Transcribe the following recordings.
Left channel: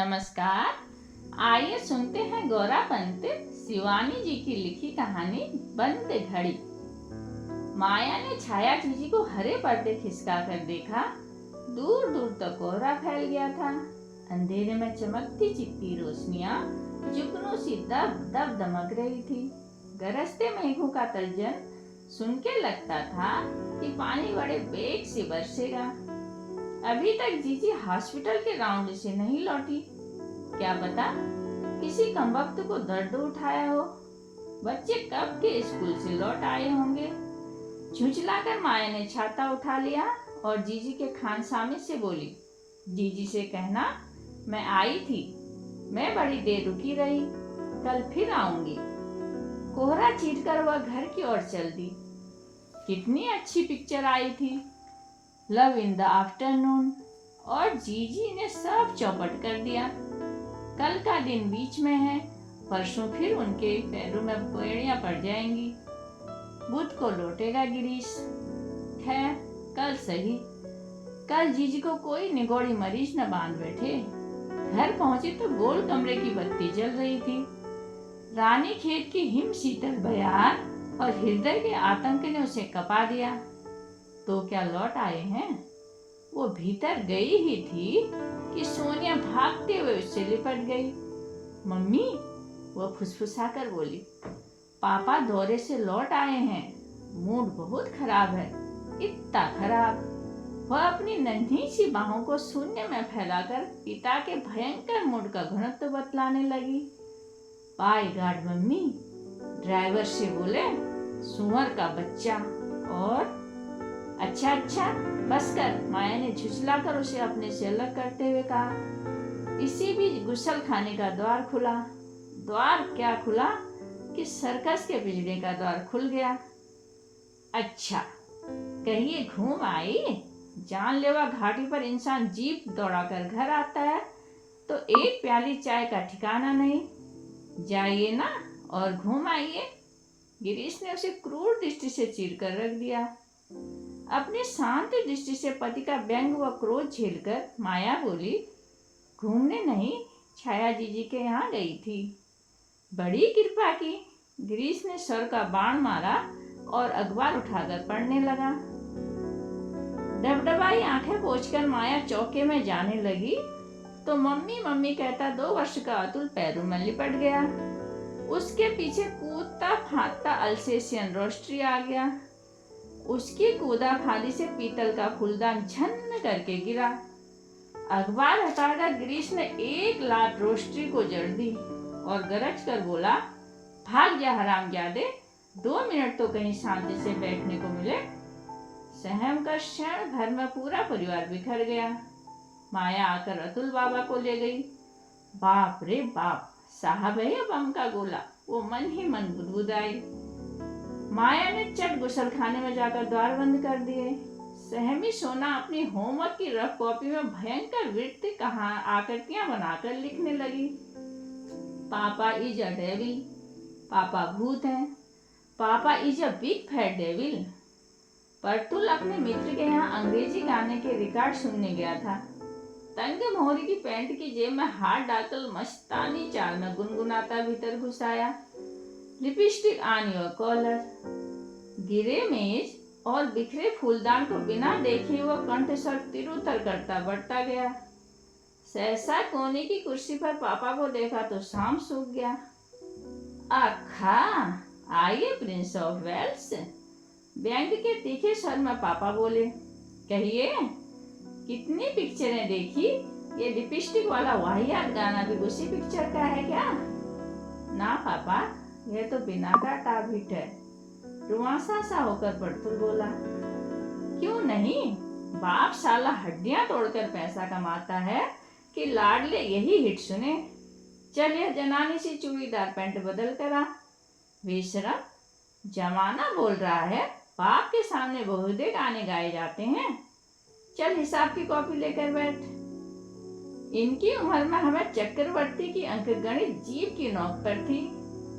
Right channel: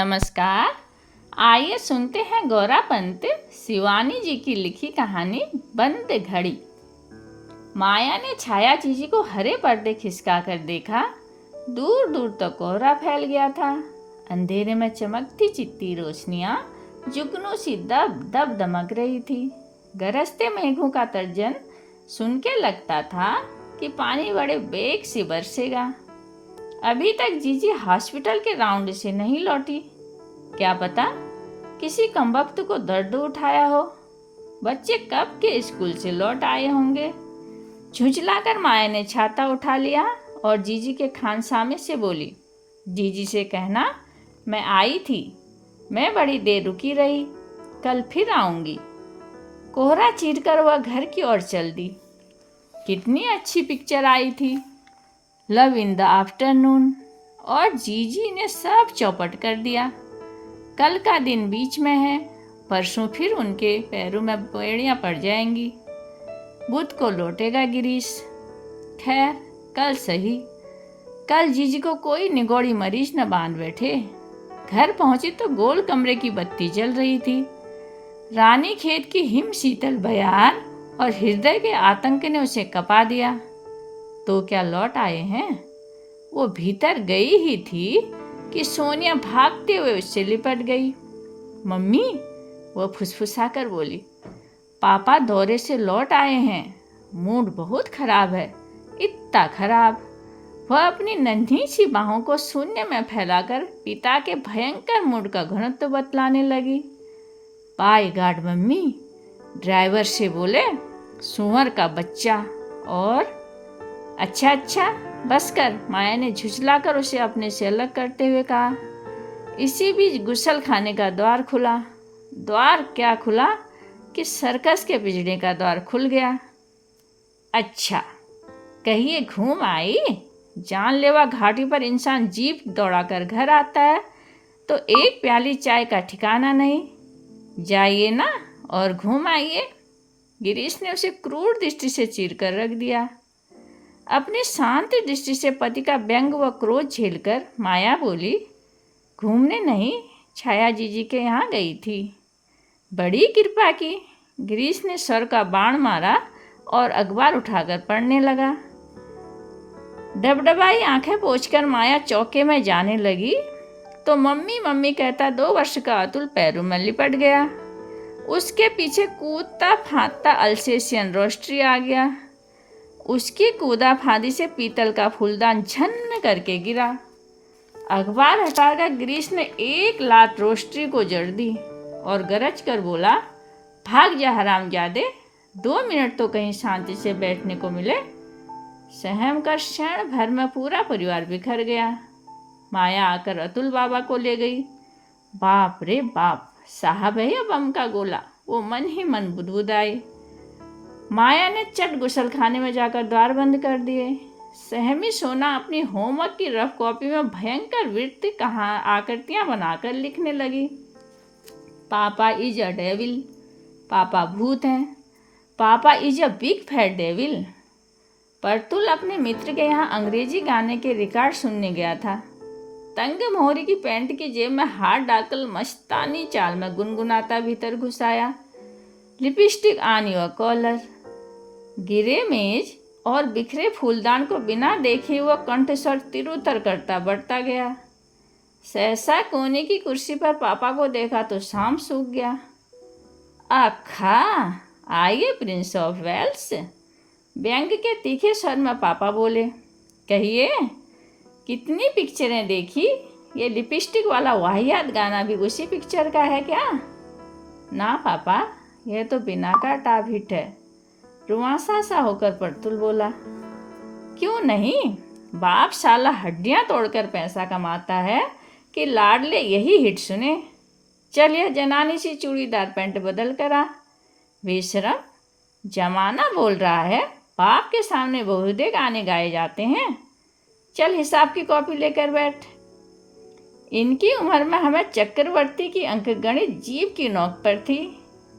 नमस्कार। आइए सुनते हैं गौरा पंत शिवानी जी की लिखी कहानी बंद घड़ी। माया ने छाया जीजी को हरे पर्दे खिसका कर देखा। दूर दूर तक कोहरा फैल गया था। अंधेरे में चमकती चित्ती रोशनियां जुगनू सी दब दब दमक रही थी। गरजते मेघों का तर्जन सुन के लगता था कि पानी बड़े बेग से बरसेगा। अभी तक जीजी हॉस्पिटल के राउंड से नहीं लौटी। क्या पता किसी कमबख्त को दर्द उठाया हो। बच्चे कब के स्कूल से लौट आए होंगे। झुंझलाकर माया ने छाता उठा लिया और जीजी के खानसामे से बोली, जीजी से कहना मैं आई थी, मैं बड़ी देर रुकी रही, कल फिर आऊंगी। कोहरा चीरकर वह घर की ओर चल दी। कितनी अच्छी पिक्चर आई थी, लव इन द आफ्टरनून, और जीजी ने सब चौपट कर दिया। कल का दिन बीच में है, परसों फिर उनके पैरों में बेड़ियां पड़ जाएंगी। बुध को लौटेगा गिरीश। खैर कल सही। कल जीजी को कोई निगोड़ी मरीज न बांध बैठे। घर पहुंची तो गोल कमरे की बत्ती जल रही थी। रानी खेत की हिम शीतल बयार और हृदय के आतंक ने उसे कपा दिया। तो क्या लौट आए हैं? वो भीतर गई ही थी कि सोनिया भागते हुए उससे लिपट गई। मम्मी, वो फुसफुसाकर बोली, पापा दौरे से लौट आए हैं, मूड बहुत खराब है, इतना खराब। वह अपनी नन्ही सी बाहों को शून्य में फैलाकर पिता के भयंकर मूड का घनत्व बतलाने लगी। बाय गॉड मम्मी, ड्राइवर से बोले सुअर का बच्चा। और अच्छा बस कर, माया ने झुझलाकर उसे अपने से अलग करते हुए कहा। इसी बीच गुसल खाने का द्वार खुला। द्वार क्या खुला कि सर्कस के पिंजरे का द्वार खुल गया। अच्छा, कहिए घूम आई? जानलेवा घाटी पर इंसान जीप दौड़ाकर घर आता है तो एक प्याली चाय का ठिकाना नहीं। जाइए ना और घूम आइए। गिरीश ने उसे क्रूर दृष्टि से चीर कर रख दिया। अपनी शांत दृष्टि से पति का व्यंग व क्रोध झेलकर माया बोली, घूमने नहीं, छाया जीजी के यहाँ गई थी। बड़ी कृपा की। गिरीश ने सर का बाण मारा और अखबार उठाकर पढ़ने लगा। डबडबाई आंखें पोंछकर माया चौके में जाने लगी तो मम्मी मम्मी कहता 2 वर्ष का अतुल पैरों में लिपट गया। उसके पीछे कूदता फांदता अल्सेशियन रोस्ट्री आ गया। उसकी कूदा फांदी से पीतल का फूलदान झन्न करके गिरा। अखबार हटाकर गिरीश ने एक लात रोस्ट्री को जड़ दी और गरज कर बोला, भाग जा हरामजादे, 2 मिनट तो कहीं शांति से बैठने को मिले। सहम कर क्षण भर में पूरा परिवार बिखर गया। माया आकर अतुल बाबा को ले गई। बाप रे बाप, साहब है या बम का गोला, वो मन ही मन बुदबुदाई। माया ने चट गुसल खाने में जाकर द्वार बंद कर दिए। सहमी सोना अपनी होमवर्क की रफ कॉपी में भयंकर वृत्त आकृतियां बनाकर लिखने लगी। पापा इज अ डेविल, पापा भूत हैं, papa is a big fat devil. Partul अपने मित्र के यहाँ अंग्रेजी गाने के रिकॉर्ड सुनने गया था। तंग मोहरी की पैंट की जेब में हाथ डालकर मस्तानी चाल में गुनगुनाता भीतर घुस आया, लिपस्टिक ऑन योर कॉलर। गिरे मेज और बिखरे फूलदान को बिना देखे हुआ कंठ स्वर तिरुतर करता बढ़ता गया। सहसा कोने की कुर्सी पर पापा को देखा तो शाम सूख गया। आखा, आइए प्रिंस ऑफ वेल्स, व्यंग के तीखे स्वर में पापा बोले। कहिए, कितनी पिक्चरें देखी? ये लिपस्टिक वाला वाहियात गाना भी उसी पिक्चर का है क्या? ना पापा, यह तो बिना का टाप हिट है। रुआसा सा होकर परतुल बोला। क्यों नहीं? बाप साला हड्डियां तोड़कर पैसा कमाता है कि लाडले यही हिट सुने। चल यह जनानी सी चूड़ीदार पैंट बदल कर आ। बेशरम, जमाना बोल रहा है, बाप के सामने बहुदे गाने गाए जाते हैं। चल हिसाब की कॉपी लेकर बैठ। इनकी उम्र में हमें चक्रवर्ती की अंकगणित जीभ की नोक पर थी,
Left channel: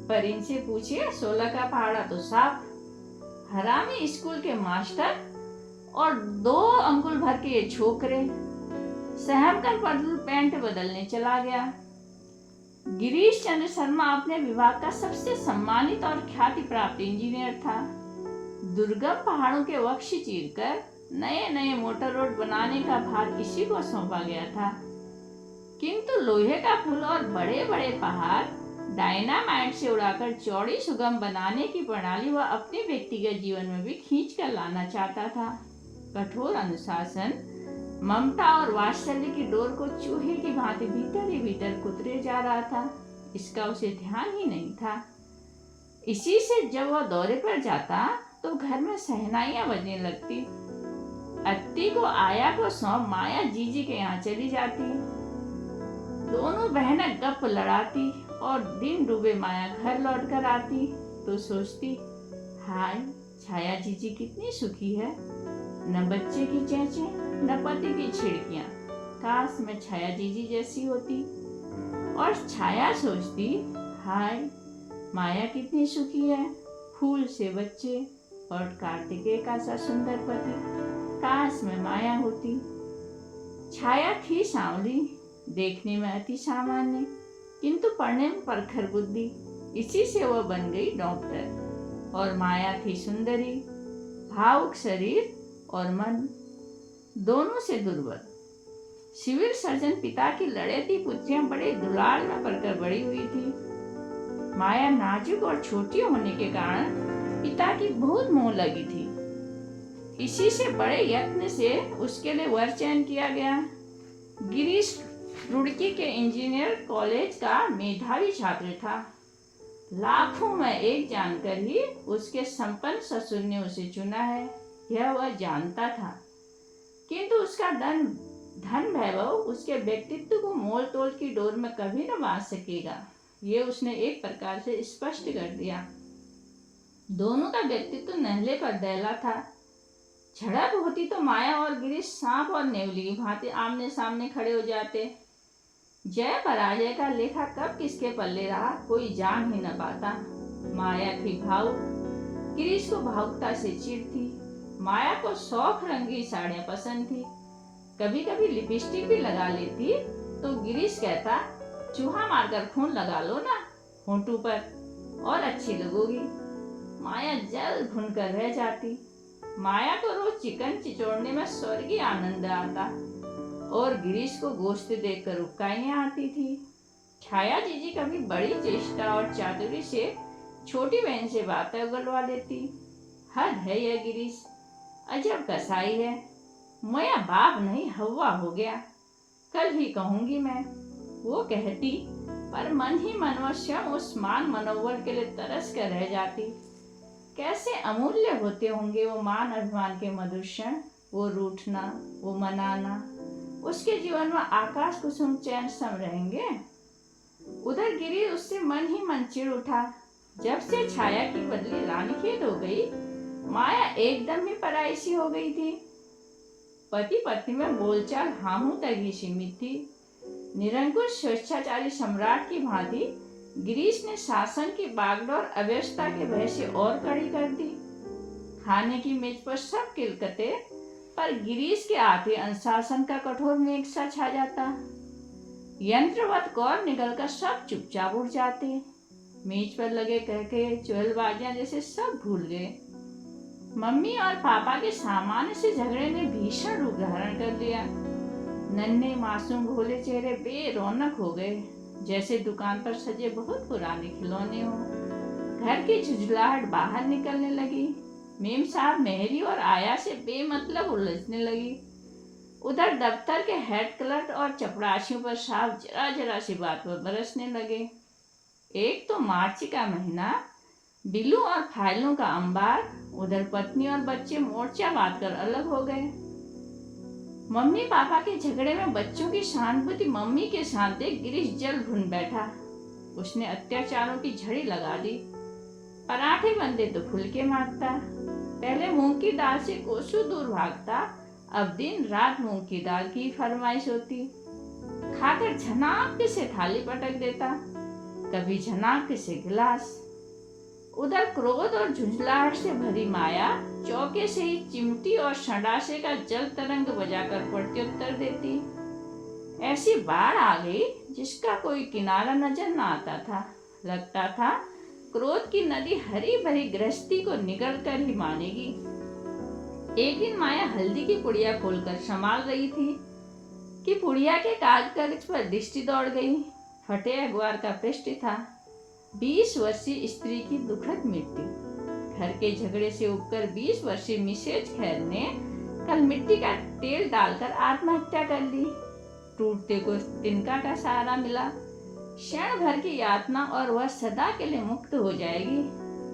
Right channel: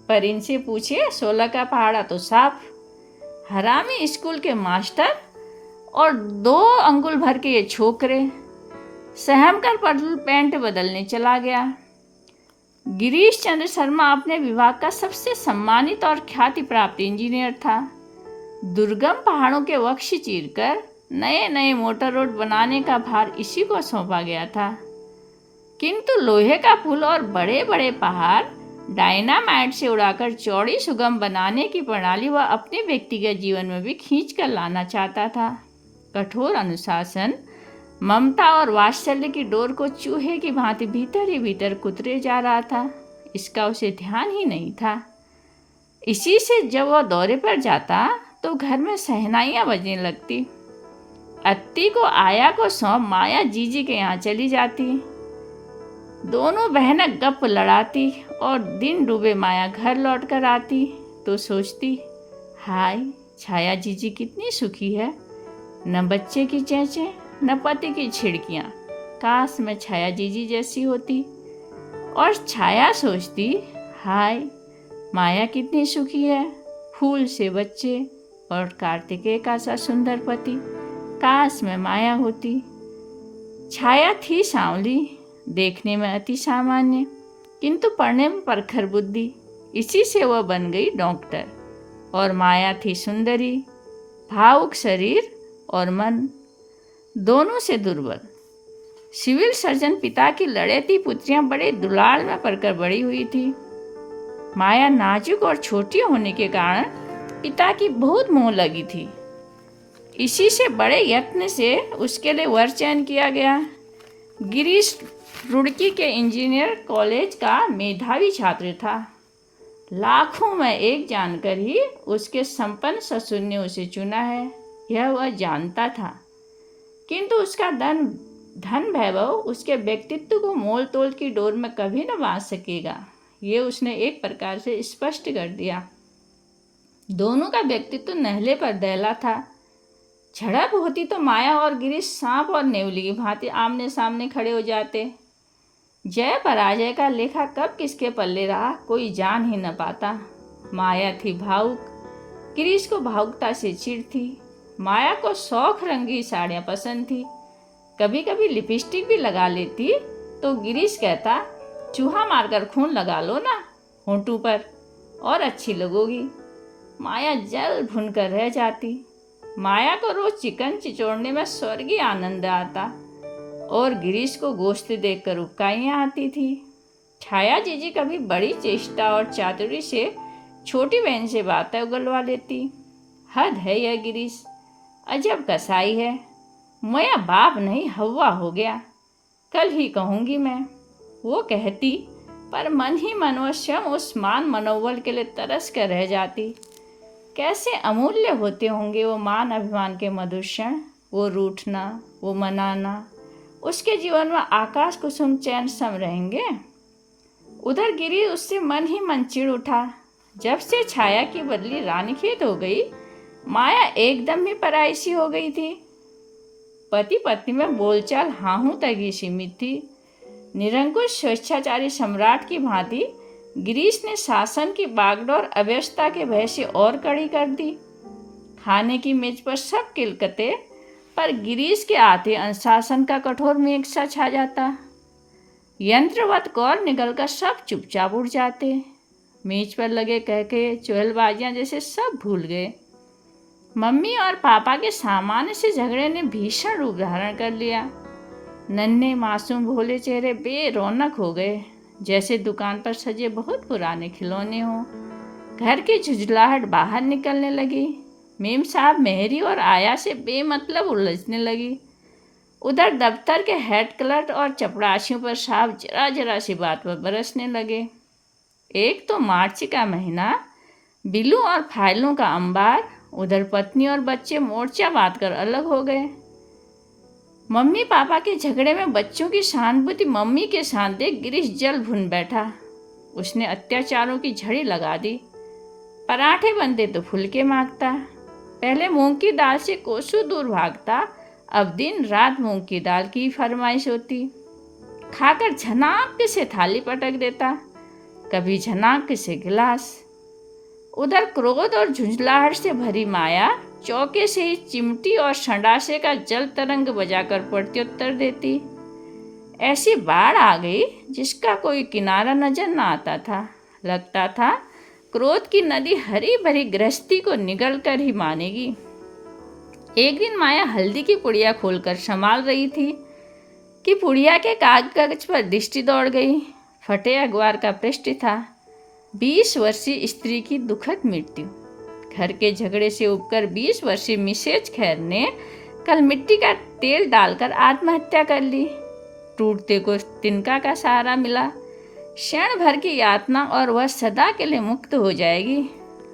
पर इनसे पूछिए 16 का पहाड़ा तो साफ। हरामी स्कूल के मास्टर और 2 अंगुल भर के ये छोकरे, सहम कर पैंट बदलने चला गया। गिरीश चंद्र शर्मा अपने विभाग का सबसे सम्मानित और ख्याति प्राप्त इंजीनियर था। दुर्गम पहाड़ों के वक्ष चीरकर नए नए मोटर रोड बनाने का भार इसी को सौंपा गया था। किंतु लोहे का पुल और बड़े बड़े पहाड़ डायनामाइट से उड़ाकर चौड़ी सुगम बनाने की प्रणाली वह अपने व्यक्तिगत जीवन में भी खींच कर लाना चाहता था। कठोर अनुशासन, ममता और वात्सल्य की डोर को चूहे की भांति भीतर ही भीतर कुतरे जा रहा था। इसका उसे ध्यान ही नहीं था। इसी से जब वह दौरे पर जाता तो घर में शहनाइयाँ बजने लगती। अत्ती को आया को सौंप माया जीजी के यहाँ चली जाती। दोनों बहनें गप लड़ाती और दिन डूबे माया घर लौट कर आती तो सोचती, हाय छाया जीजी कितनी सुखी है, न बच्चे की चेंचे न पति की छिड़कियाँ। काश मैं छाया जीजी जैसी होती। और छाया सोचती, हाय माया कितनी सुखी है, फूल से बच्चे और कार्तिकेय का सा सुंदर पति। काश मैं माया होती। छाया थी सांवली, देखने में अति सामान्य, किंतु पढ़ने में प्रखर बुद्धि। इसी से वह बन गई डॉक्टर। और माया थी सुंदरी, भावुक शरीर और मन दोनों से दुर्बल। सिविल सर्जन पिता की लड़ेती पुत्रियां बड़े दुलाल में पलकर बड़ी हुई थी। माया नाजुक और छोटी होने के कारण पिता की बहुत मोह लगी थी। इसी से बड़े यत्न से उसके लिए वर चयन किया गया। गिरीश रुड़की के इंजीनियर कॉलेज का मेधावी छात्र था। लाखों में एक जानकर ही उसके संपन्न ससुर ने उसे चुना है, यह वह जानता था। किंतु उसका धन वैभव उसके व्यक्तित्व को मोल तोल की डोर में कभी न बांध सकेगा, ये उसने एक प्रकार से स्पष्ट कर दिया। दोनों का व्यक्तित्व नहले पर दहला था। झड़प होती तो माया और गिरीश सांप और नेवली की भांति आमने सामने खड़े हो जाते। जय पराजय का लेखा कब किसके पल्ले रहा कोई जान ही न पाता। माया थी भावुक, गिरीश को भावुकता से चिढ़ थी। माया को शौक रंगी साड़ियाँ पसंद थी, कभी कभी लिपस्टिक भी लगा लेती तो गिरीश कहता, चूहा मारकर खून लगा लो ना होंठों पर और अच्छी लगोगी। माया जल भुन कर रह जाती। माया को रोज चिकन चिचोड़ने में स्वर्गीय आनंद आता और गिरीश को गोश्त देखकर उबकाइयाँ आती थी। छाया जीजी कभी बड़ी चेष्टा और चातुरी से छोटी बहन से बातें उगलवा लेती। हद है यह गिरीश, अजब कसाई है। मैं बाप नहीं हवा हो गया, कल ही कहूँगी मैं, वो कहती, पर मन ही मन वो स्वयं उस मान मनोबल के लिए तरस कर रह जाती। कैसे अमूल्य होते होंगे वो मान अभिमान के मधुर क्षण, वो रूठना, वो मनाना, उसके जीवन में आकाश कुसुम चैन सम रहेंगे। उधर गिरी उससे मन ही मन चिढ़ उठा। जब से छाया की बदली रानीखेत हो गई, माया एकदम ही पराई सी हो गई थी। पति पत्नी में बोलचाल हाहू तक ही सीमित थी। निरंकुश स्वेच्छाचारी सम्राट की भांति गिरीश ने शासन की बागडोर अव्यवस्था के भय से और कड़ी कर दी। खाने की मेज पर सब किलकते, पर गिरीश के आते अनुशासन का कठोर मेघ सा छा जाता। यंत्रवत कौर निकलकर सब चुपचाप उड़ जाते। मेज पर लगे कह के चुहलबाजियां जैसे सब भूल गए। मम्मी और पापा के सामान्य से झगड़े ने भीषण रूप धारण कर लिया। नन्हे मासूम भोले चेहरे बेरौनक हो गए, जैसे दुकान पर सजे बहुत पुराने खिलौने हों। घर की झुंझलाहट बाहर निकलने लगी। मेम साहब मेहरी और आया से बेमतलब उलझने लगी। उधर दफ्तर के हेड क्लर्क और चपरासियों पर साहब जरा जरा सी बात पर बरसने लगे। एक तो मार्च का महीना, बिलों और फाइलों का अंबार। उधर पत्नी और बच्चे मोर्चा बांध कर अलग हो गए। मम्मी पापा के झगड़े में बच्चों की सहानुभूति मम्मी के साथ देख गिरीश जल भुन बैठा। उसने अत्याचारों की झड़ी लगा दी। पराठे बनते तो फुलके मांगता। पहले मूंग की दाल से कोसों दूर भागता, अब दिन रात मूंग की दाल की फरमाइश होती। खाकर झनाक से थाली पटक देता, कभी झनाक से गिलास। उधर क्रोध और झुंझलाहट से भरी माया चौके से ही चिमटी और संडासे का जल तरंग बजाकर प्रत्युत्तर देती। ऐसी बाढ़ आ गई जिसका कोई किनारा नजर न आता था। लगता था क्रोध की नदी हरी भरी गृहस्थी को निगल कर ही मानेगी। एक दिन माया हल्दी की पुड़िया खोलकर संभाल रही थी कि पुड़िया के कागज पर दृष्टि दौड़ गई। फटे अखबार का पृष्ठ था, 20 वर्षीय स्त्री की दुखद मृत्यु। घर के झगड़े से उबकर 20 वर्षीय मिसेज खैर ने कल मिट्टी का तेल डालकर आत्महत्या कर ली। टूटते को तिनका का सहारा मिला। क्षण भर की यातना और वह सदा के लिए मुक्त हो जाएगी।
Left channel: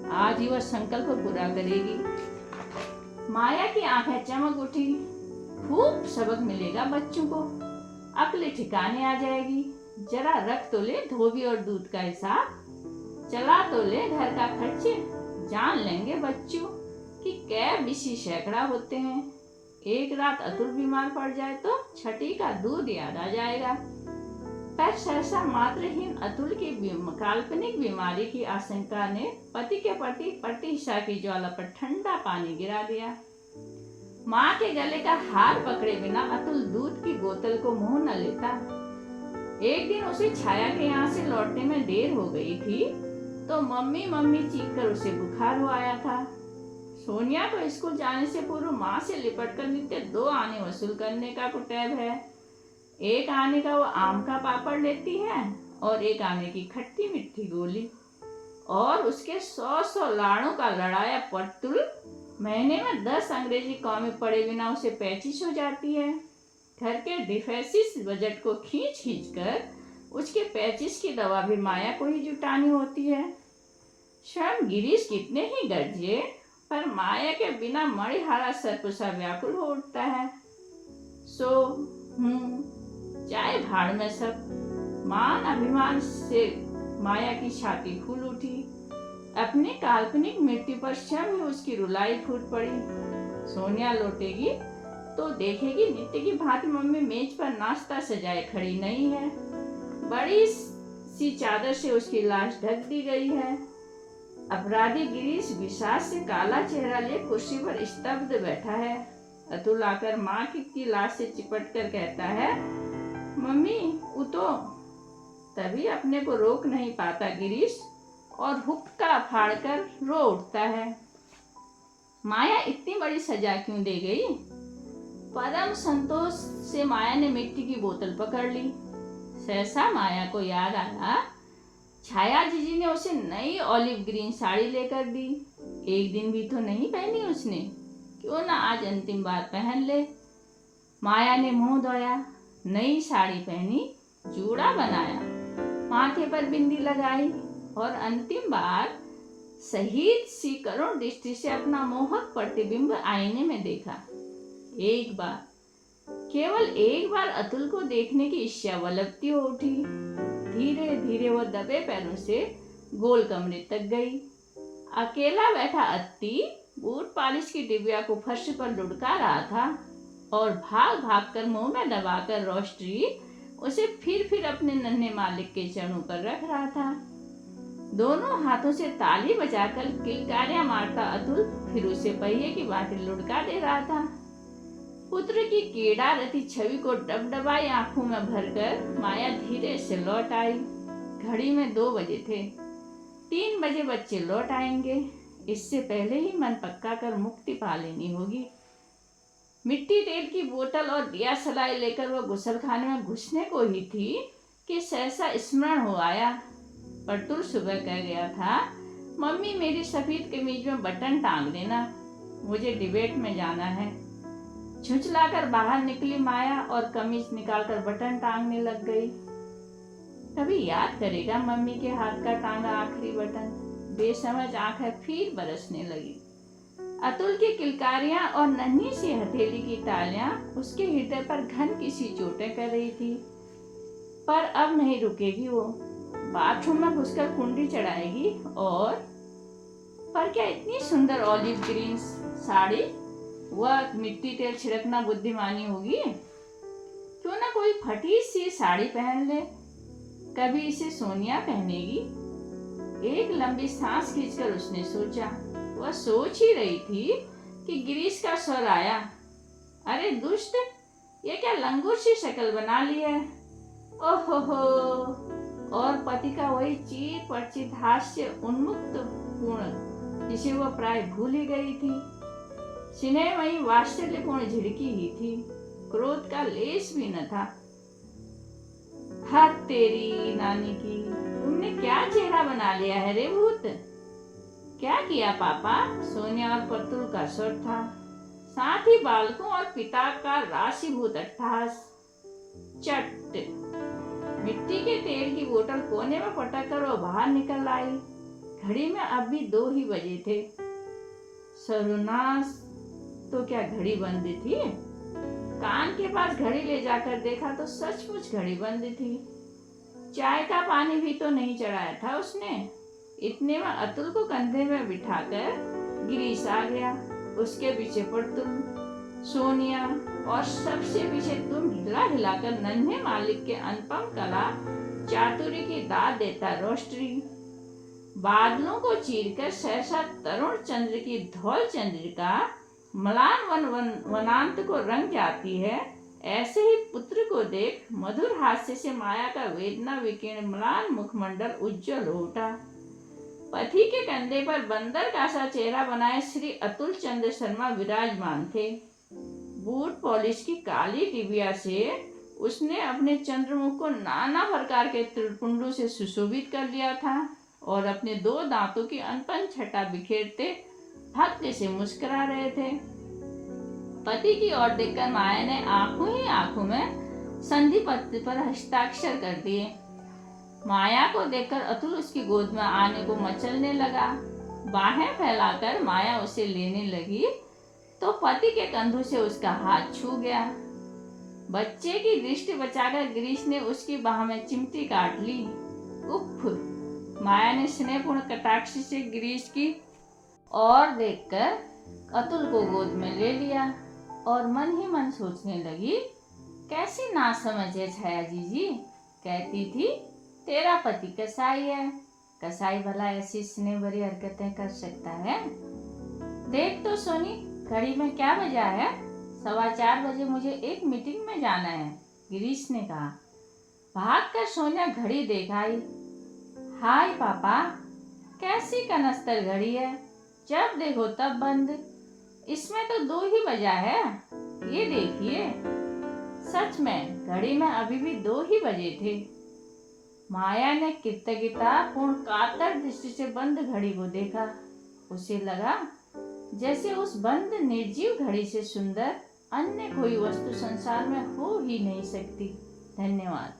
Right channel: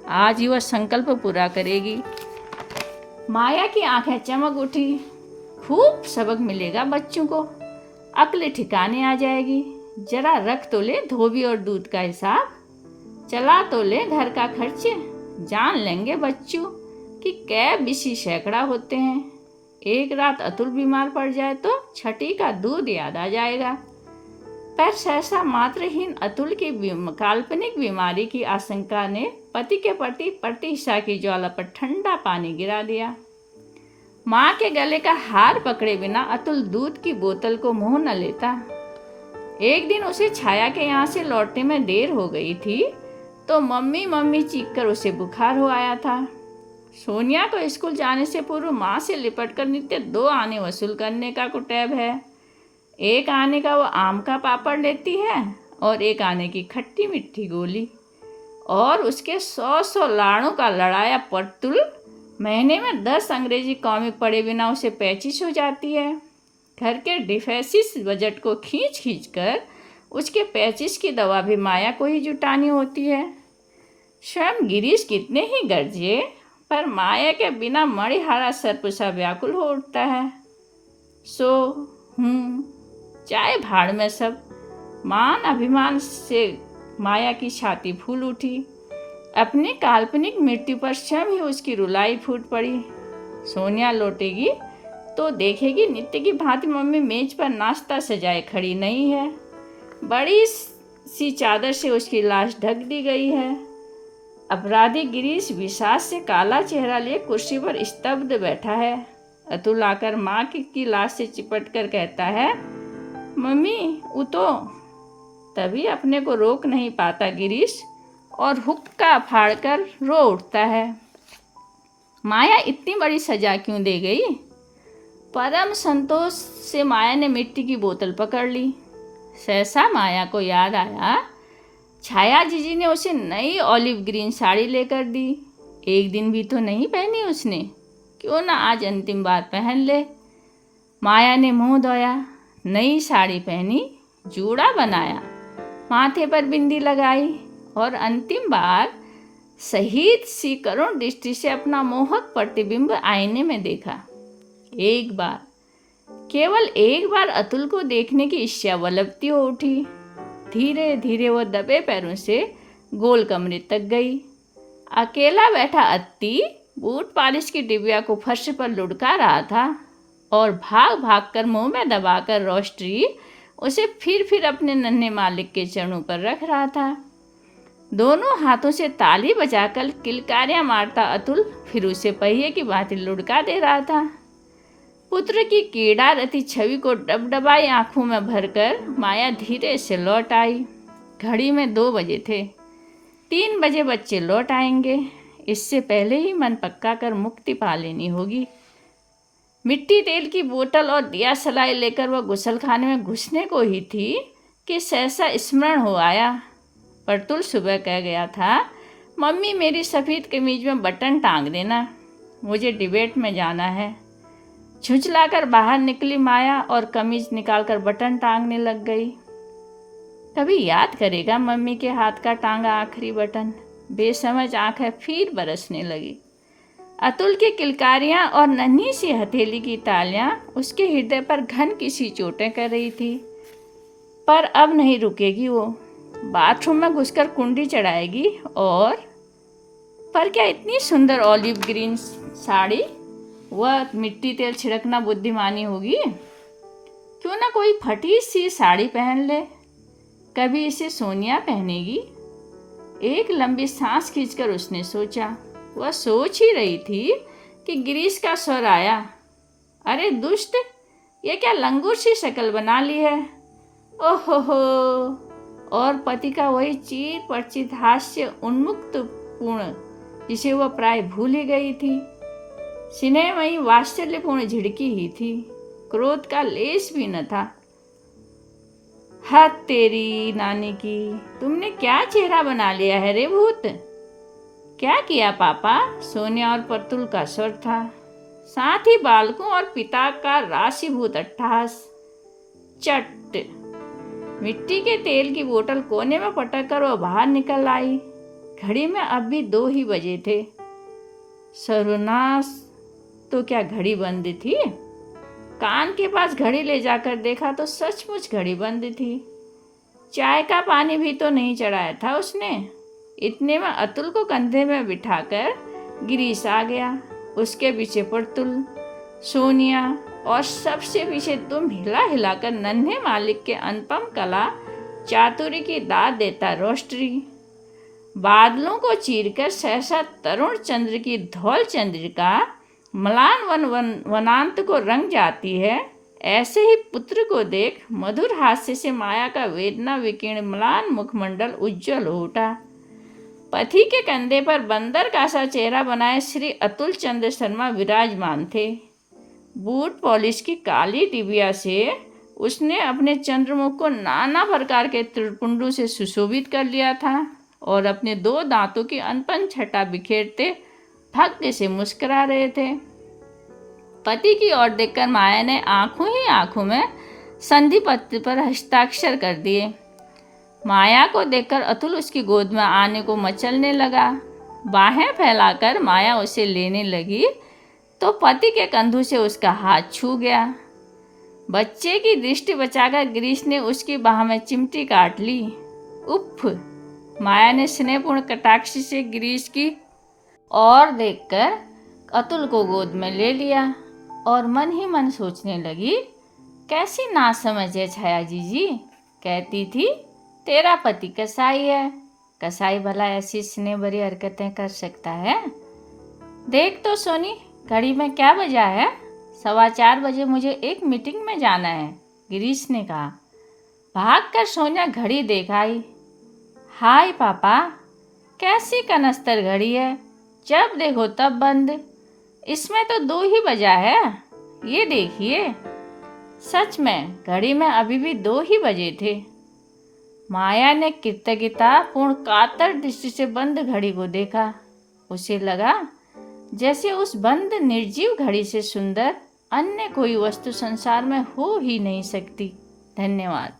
आज ही वह संकल्प पूरा करेगी। माया की आंखें चमक उठी। खूब सबक मिलेगा बच्चों को, अक्ल ठिकाने आ जाएगी। जरा रख तो ले धोबी और दूध का हिसाब, चला तो ले घर का खर्चे। जान लेंगे बच्चों कि कै बिसी सैकड़ा होते हैं। एक रात अतुल बीमार पड़ जाए तो छठी का दूध याद आ जाएगा। पर सहसा मात्रहीन अतुल की काल्पनिक बीमारी की आशंका ने पति के प्रति प्रतिष्ठा की ज्वाला पर ठंडा पानी गिरा दिया। माँ के गले का हार पकड़े बिना अतुल दूध की बोतल को मुंह न लेता। एक दिन उसे छाया के यहाँ से लौटने में देर हो गई थी तो मम्मी मम्मी चीखकर उसे बुखार हो आया था। सोनिया को स्कूल जाने से पूर्व माँ से लिपटकर नित्य 2 आने वसूल करने का कुटैब है। एक आने का वो आम का पापड़ लेती है और एक आने की खट्टी मीठी गोली, और उसके 100 लाड़ों का लड़ाया परतुल महीने में 10 अंग्रेजी कॉमिक पढ़े बिना उसे पैचिश हो जाती है। घर के डिफेसिस बजट को खींच खींच कर उसके पैचिश की दवा भी माया को ही जुटानी होती है। स्वयं गिरीश कितने ही गरजे पर माया के बिना मणिहारा सर्पसा व्याकुल हो उठता है। सो चाहे भाड़ में सब। मान अभिमान से माया की छाती फूल उठी। अपनी काल्पनिक मृत्यु पर स्वयं ही उसकी रुलाई फूट पड़ी। सोनिया लौटेगी तो देखेगी नित्य की भांति मम्मी मेज पर नाश्ता सजाए खड़ी नहीं है। बड़ी सी चादर से उसकी लाश ढक दी गई है। अपराधी गिरीश विषाद से काला चेहरा लिए कुर्सी पर स्तब्ध बैठा है। अतुल आकर माँ की लाश से चिपट कर कहता है, मम्मी उठो। तभी अपने को रोक नहीं पाता गिरीश और हुक्का फाड़कर रो उठता है। माया इतनी बड़ी सजा क्यों दे गई? परम संतोष से माया ने मिट्टी की बोतल पकड़ ली। सहसा माया को याद आया, छाया जीजी ने उसे नई ऑलिव ग्रीन साड़ी लेकर दी। एक दिन भी तो नहीं पहनी उसने, क्यों ना आज अंतिम बार पहन ले। माया ने मुंह धोया, नई साड़ी पहनी, जूड़ा बनाया, माथे पर बिंदी लगाई और अंतिम बार शहीद सी करुण दृष्टि से अपना मोहक प्रतिबिंब आईने में देखा। एक बार, केवल एक बार अतुल को देखने की इच्छा वलपती हो उठी। धीरे धीरे वह दबे पैरों से गोल कमरे तक गई। अकेला बैठा अत्ती बूट पालिश की डिबिया को फर्श पर लुढ़का रहा था और भाग भाग कर मुंह में दबाकर रोस्ट्री उसे फिर अपने नन्हे मालिक के चरणों पर रख रहा था। दोनों हाथों से ताली बजाकर किलकारियां मारता अतुल फिर उसे पहिए की भांति लुढ़का दे रहा था। पुत्र की कीड़ा रती छवि को डबडबाई आंखों में भरकर माया धीरे से लौट आई। घड़ी में 2 बजे थे। 3 बजे बच्चे लौट आएंगे। इससे पहले ही मन पक्का कर मुक्ति पा लेनी होगी। मिट्टी तेल की बोतल और दिया सलाई लेकर वह गुसलखाने में घुसने को ही थी कि सहसा स्मरण हो आया। परतुल सुबह कह गया था, मम्मी मेरी सफ़ेद कमीज में बटन टांग देना, मुझे डिबेट में जाना है। झुंझलाकर बाहर निकली माया और कमीज निकालकर बटन टांगने लग गई। कभी याद करेगा मम्मी के हाथ का टांगा आखिरी बटन। बेसमझ आंखें फिर बरसने लगी। अतुल की किलकारियां और नन्ही सी हथेली की तालियां उसके हृदय पर घन किसी चोटें कर रही थी। पर अब नहीं रुकेगी वो। बाथरूम में घुसकर कुंडी चढ़ाएगी और पर क्या इतनी सुंदर ऑलिव ग्रीन साड़ी, वह मिट्टी तेल छिड़कना बुद्धिमानी होगी? क्यों ना कोई फटी सी साड़ी पहन ले। कभी इसे सोनिया पहनेगी। एक लंबी सांस खींचकर उसने सोचा। वह सोच ही रही थी कि गिरीश का स्वर आया, अरे दुष्ट, ये क्या लंगूर सी शक्ल बना ली है? ओहो, और पति का वही चीर परिचित हास्य उन्मुक्त पूर्ण जिसे वह प्राय भूल ही गई थी। स्नेहमयी वात्सल्यपूर्ण झिड़की ही थी, क्रोध का लेश भी न था। हद तेरी नानी की, तुमने क्या चेहरा बना लिया है रे भूत। क्या किया पापा? सोनिया और प्रतुल का स्वर था, साथ ही बालकों और पिता का राशिभूत अट्टहास। चट, मिट्टी के तेल की बोतल कोने में पटक कर वह बाहर निकल आई। घड़ी में अब भी 2 ही बजे थे। सर्वनाश, तो क्या घड़ी बंद थी? कान के पास घड़ी ले जाकर देखा तो सचमुच घड़ी बंद थी। चाय का पानी भी तो नहीं चढ़ाया था उसने। इतने में अतुल को कंधे में बिठाकर गिरीश आ गया, उसके पीछे प्रतुल, सोनिया और सबसे पीछे तुम हिला हिलाकर नन्हे मालिक के अनुपम कला चातुरी की दाद देता रोस्टरी। बादलों को चीरकर सहसा तरुण चंद्र की धौल चंद्रिका म्लान वनांत को रंग जाती है, ऐसे ही पुत्र को देख मधुर हास्य से माया का वेदना विकीर्ण म्लान मुखमंडल उज्जवल हो उठा। पति के कंधे पर बंदर का सा चेहरा बनाए श्री अतुल चंद्र शर्मा विराजमान थे। बूट पॉलिश की काली टिबिया से उसने अपने चंद्रमुख को नाना प्रकार के त्रिपुंडों से सुशोभित कर लिया था और अपने 2 दांतों की अनपन छटा बिखेरते भाग्य से मुस्कुरा रहे थे। पति की ओर देखकर माया ने आंखों ही आंखों में संधि पत्र पर हस्ताक्षर कर दिए। माया को देखकर अतुल उसकी गोद में आने को मचलने लगा। बाहें फैलाकर माया उसे लेने लगी तो पति के कंधों से उसका हाथ छू गया। बच्चे की दृष्टि बचाकर गिरीश ने उसकी बाह में चिमटी काट ली। उफ, माया ने स्नेहपूर्ण कटाक्ष से गिरीश की ओर देखकर अतुल को गोद में ले लिया और मन ही मन सोचने लगी, कैसी नासमझ है छाया जीजी। कहती थी तेरा पति कसाई है, कसाई भला ऐसी स्नेह भरी हरकतें कर सकता है। देख तो सोनी, घड़ी में क्या बजा है? 4:15 बजे मुझे एक मीटिंग में जाना है, गिरीश ने कहा। भागकर सोनिया घड़ी देख आई। हाय पापा, कैसी कनस्तर घड़ी है, जब देखो तब बंद। इसमें तो 2 ही बजा है, ये देखिए। सच में घड़ी में अभी भी 2 ही बजे थे। माया ने कृतज्ञता पूर्ण कातर दृष्टि से बंद घड़ी को देखा। उसे लगा जैसे उस बंद निर्जीव घड़ी से सुंदर अन्य कोई वस्तु संसार में हो ही नहीं सकती। धन्यवाद।